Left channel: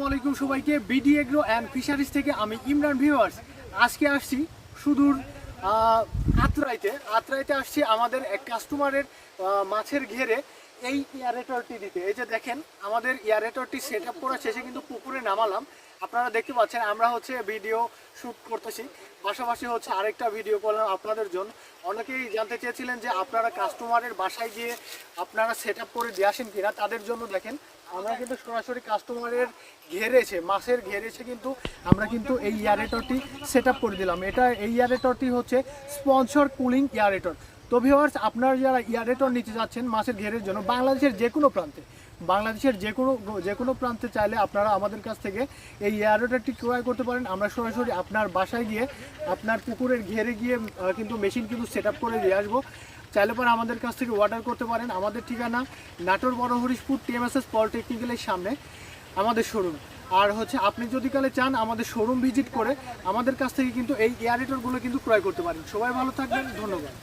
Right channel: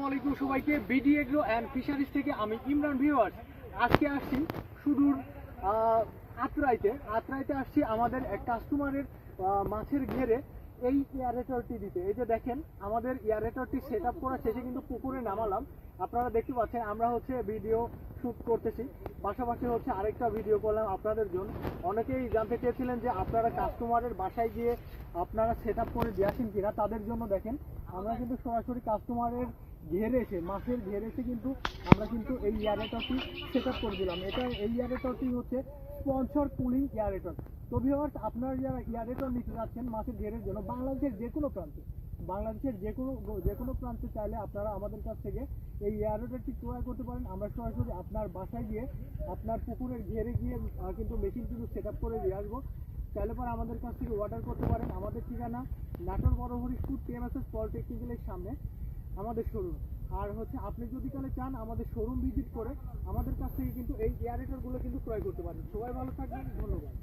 আসসালামু আলাইকুম সবাইকে। বিডি এগ্রো অ্যান্ড ফিশারিজ থেকে আমি ইমরান। ভিউয়ার্স, আজকে আসছি সুদূর আত্রাইতে আসছি আমাদের এক কাস্টমারের মাছের ঘেরে এই এয়ারেটরটি দিতে। এই যে দেখেন, আমাদের এয়ারেটরটি সেট আপ করা শেষে কিন্তু পুকুরে নামালাম। আপনারা দেখতে পাচ্ছেন আমরা ভিডিও শ্যুট করতেছি, পাশাপাশি আরেকটা ভিডিও করলাম আপনাদের জন্য। অনেকেই জানতে চেয়েছিলেন যে আপনারা কাস্টমারের বাসায় গিয়ে আপনারা সেট আপ করে দিয়ে আসেন কিনা। তাদের জন্য দেখেন, আমরা কিন্তু সরাসরি কাস্টমারের মাছের ঘেরেছে কিন্তু আমরা কিন্তু এই এয়ারেটরটি সেট আপ করে দিলাম। এই এয়ারেটরটি হচ্ছে স্পন্সর কুলিং এয়ারেটর। তো ভিউয়ার্স, আপনারা যারা এয়ারেটর নিতে যাচ্ছেন মাছের ঘেরের জন্য বাংলাদেশের যে কোনো প্রান্তে চাইলে আপনারা আমাদের কাছ থেকে এই এয়ারেটরটি ক্রয় করতে পারেন। আমরা সরাসরি আপনার বাসায় গিয়ে আপনার পুকুরের ঘেরে গিয়ে কিন্তু মেশিন কিন্তু সেট আপ করে দিয়ে আসবো। চাইলে পরে আমাদের কাছ থেকে অর্ডার করতে পারেন। আমাদের ঠিকানা নাটোর বড় হরিশপুর TMSS পলিটেকনিক্যালের সামনে আমাদের শোরুম। আর আপনি যদি কালে চান আমাদের শোরুম ভিজিট করে আমাদের কাছ থেকে কিন্তু এই এয়ারেটরগুলো কিন্তু ক্রয় করতে পারেন। সবাই ভালো থাকবেন, ধন্যবাদ।